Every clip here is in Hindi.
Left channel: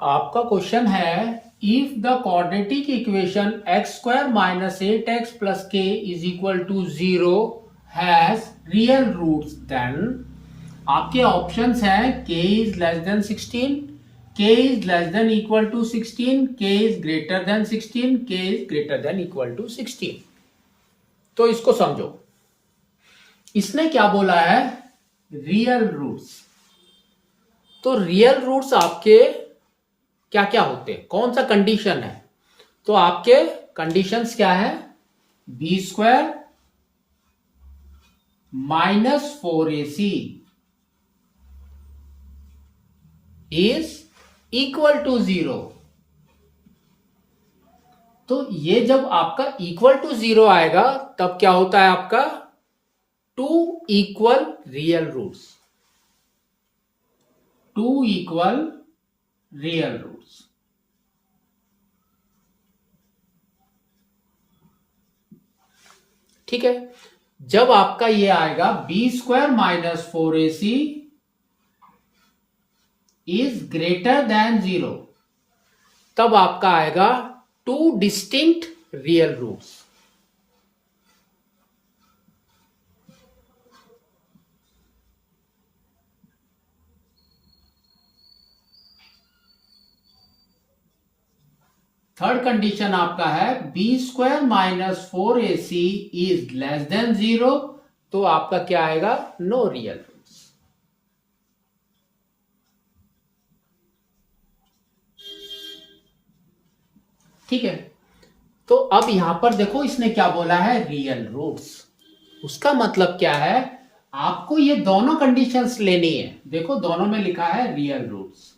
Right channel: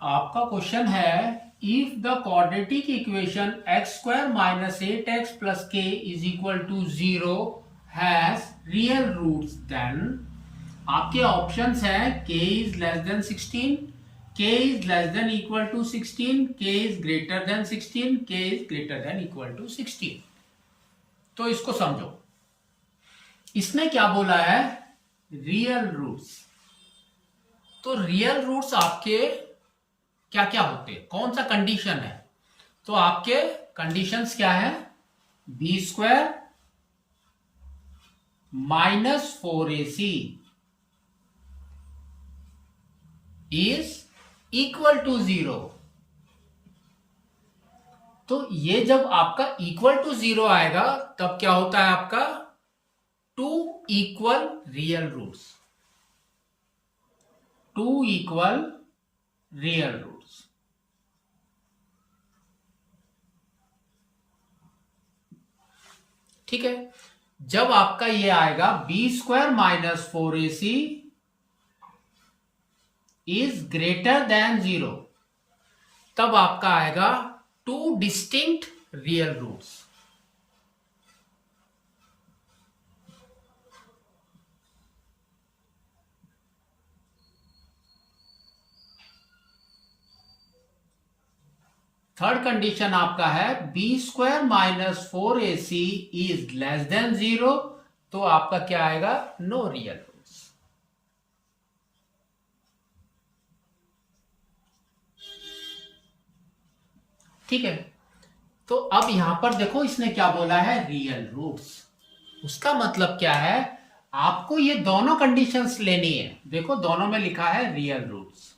आपका क्वेश्चन है if the quadratic equation x square minus 8x plus k is equal to 0 has real roots, then आपके ऑप्शंस हैं k is less than 16, k is less than equal to 16, k is greater than 16, k is greater than equal to 16। तो इसको समझो, इसने क्या बोला है, रियल रूट्स। तो रियल रूट्स आपके क्या क्या होते हैं, कौन सा कंडीशन है? तो आपके कंडीशंस क्या है, b square minus 4ac is equal to 0। तो ये जब आपका इक्वल टू 0 आएगा तब क्या होता है आपका, two equal real roots, two equal real roots. ठीक है, जब आपका ये आएगा b square minus 4ac is greater than 0, तब आपका आएगा two distinct real roots. Third condition आपका है b square minus 4ac is less than 0, तो आपका क्या आएगा, नो रियल रूट्स। ठीक है, तो अब यहां पर देखो इसने क्या बोला है, रियल रूट्स। उसका मतलब क्या है, आपको ये दोनों कंडीशंस लेनी है। देखो दोनों में लिखा है रियल रूट्स,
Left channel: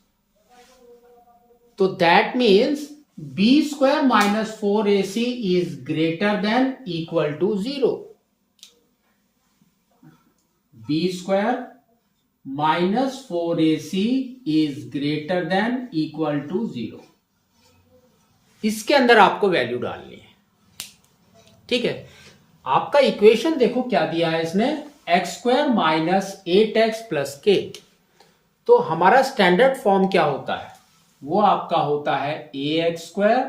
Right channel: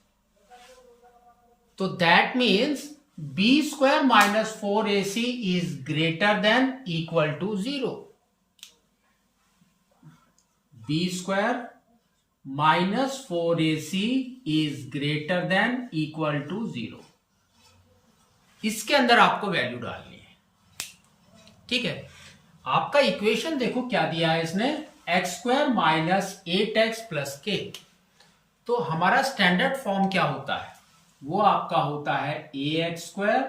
तो that means b square minus 4ac is greater than equal to 0। B square minus 4ac is greater than equal to 0। इसके अंदर आपको वैल्यू डालनी है। ठीक है, आपका इक्वेशन देखो क्या दिया है इसने, x square minus 8x plus के। तो हमारा स्टैंडर्ड फॉर्म क्या होता है, वो आपका होता है ax square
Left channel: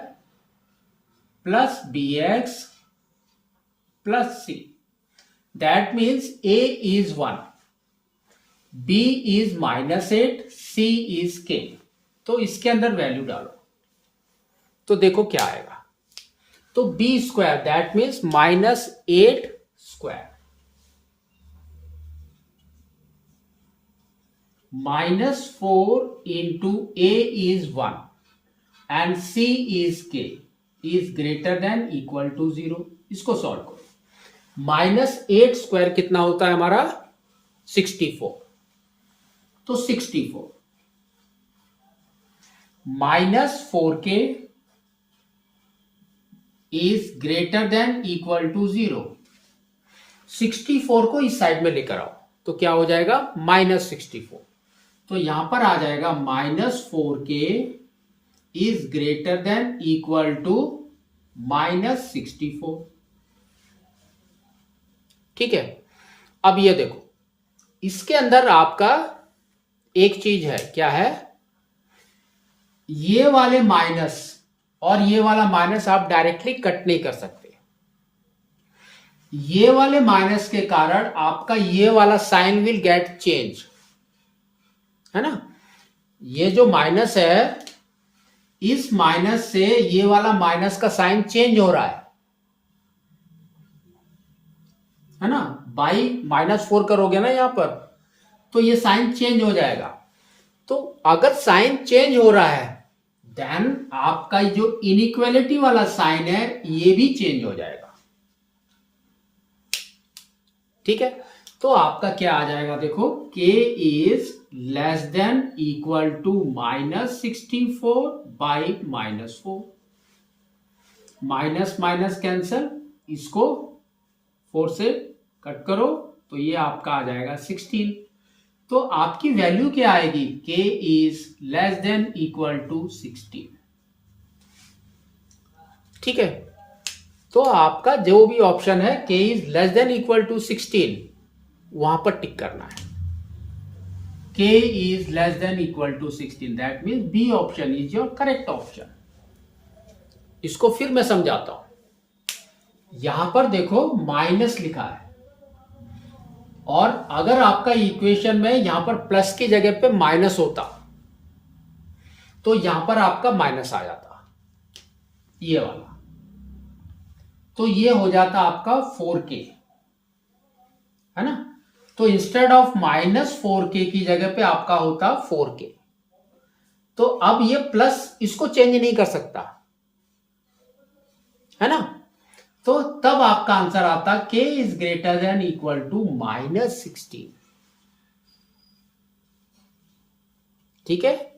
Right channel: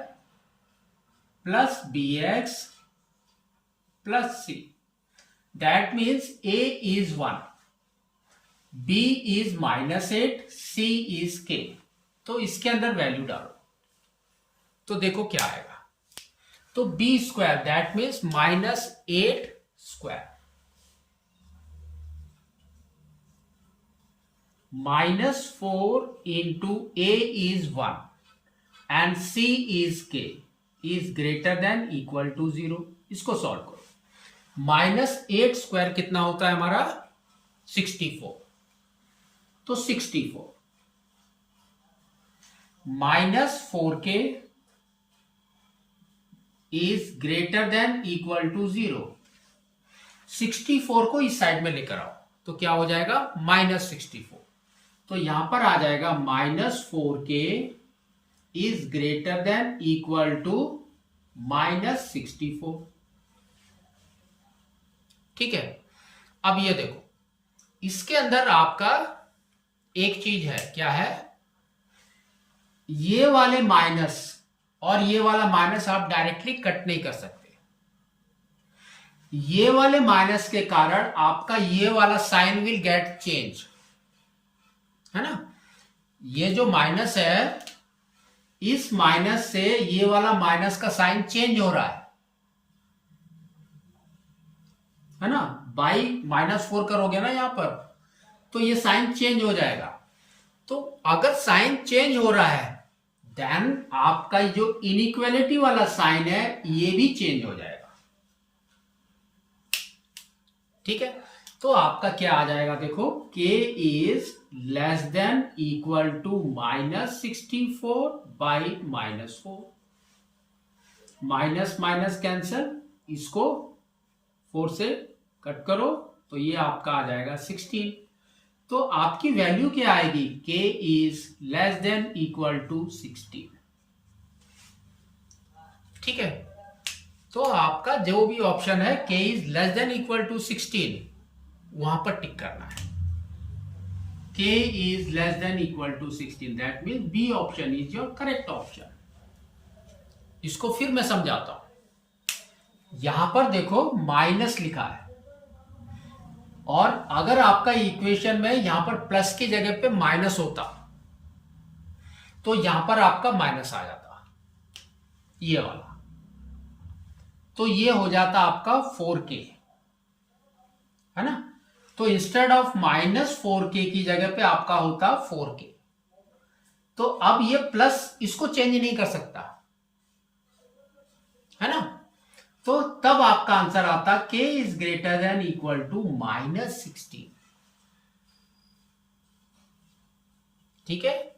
plus bx plus c। That means a is 1, b is minus 8, c is k। तो इसके अंदर वैल्यू डालो तो देखो क्या आएगा। तो b square that means minus 8 square minus 4 into a is 1 and c is k is greater than equal to 0। इसको सॉल्व करो। माइनस 8 स्क्वायर कितना होता है हमारा, 64। तो 64 minus 4k is greater than equal to 0। 64 को इस साइड में लेकर आओ तो क्या हो जाएगा, माइनस 64। तो यहां पर आ जाएगा minus 4k is greater than equal to minus 64। ठीक है, अब ये देखो इसके अंदर आपका एक चीज है, क्या है, ये वाले माइनस और ये वाला माइनस आप डायरेक्टली कट नहीं कर सकते। ये वाले माइनस के कारण आपका ये वाला साइन विल गेट चेंज, है ना। ये जो माइनस है, इस माइनस से ये वाला माइनस का साइन चेंज हो रहा है ना। बाई -4 करोगे ना यहां पर, तो ये साइन चेंज हो जाएगा। तो अगर साइन चेंज हो रहा है देन आपका जो इनइक्वालिटी वाला साइन है ये भी चेंज हो जाएगा। ठीक है, तो आपका क्या आ जाएगा, देखो k is less than equal to minus 64 by -4। Minus minus cancel, इसको 4 से कट करो तो ये आपका आ जाएगा 16। तो आपकी वैल्यू क्या आएगी, k is less than equal to 16। ठीक है, तो आपका जो भी ऑप्शन है k is less than equal to 16 वहां पर टिक करना है। k is less than equal to 16. That means B option is your correct option. इसको फिर मैं समझाता हूं। यहां पर देखो माइनस लिखा है, और अगर आपका इक्वेशन में यहां पर प्लस की जगह पे माइनस होता तो यहां पर आपका माइनस आ जाता, ये वाला, तो ये हो जाता आपका 4k, है ना। तो इंस्टेड ऑफ -4k की जगह पे आपका होता 4k। तो अब ये प्लस इसको चेंज नहीं कर सकता, है ना। तो तब आपका आंसर आता k is greater than equal to -16। ठीक है,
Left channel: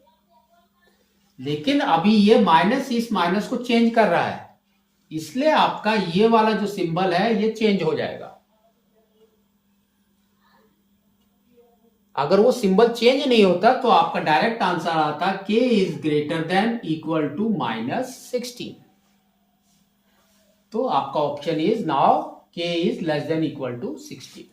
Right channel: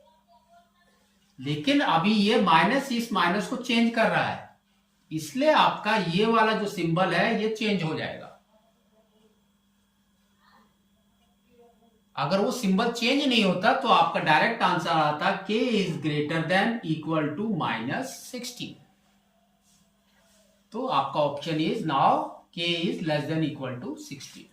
लेकिन अभी ये माइनस इस माइनस को चेंज कर रहा है, इसलिए आपका ये वाला जो सिंबल है ये चेंज हो जाएगा। अगर वो सिंबल चेंज नहीं होता तो आपका डायरेक्ट आंसर आता k is greater than equal to -16। तो आपका option is now k is less than equal to 16।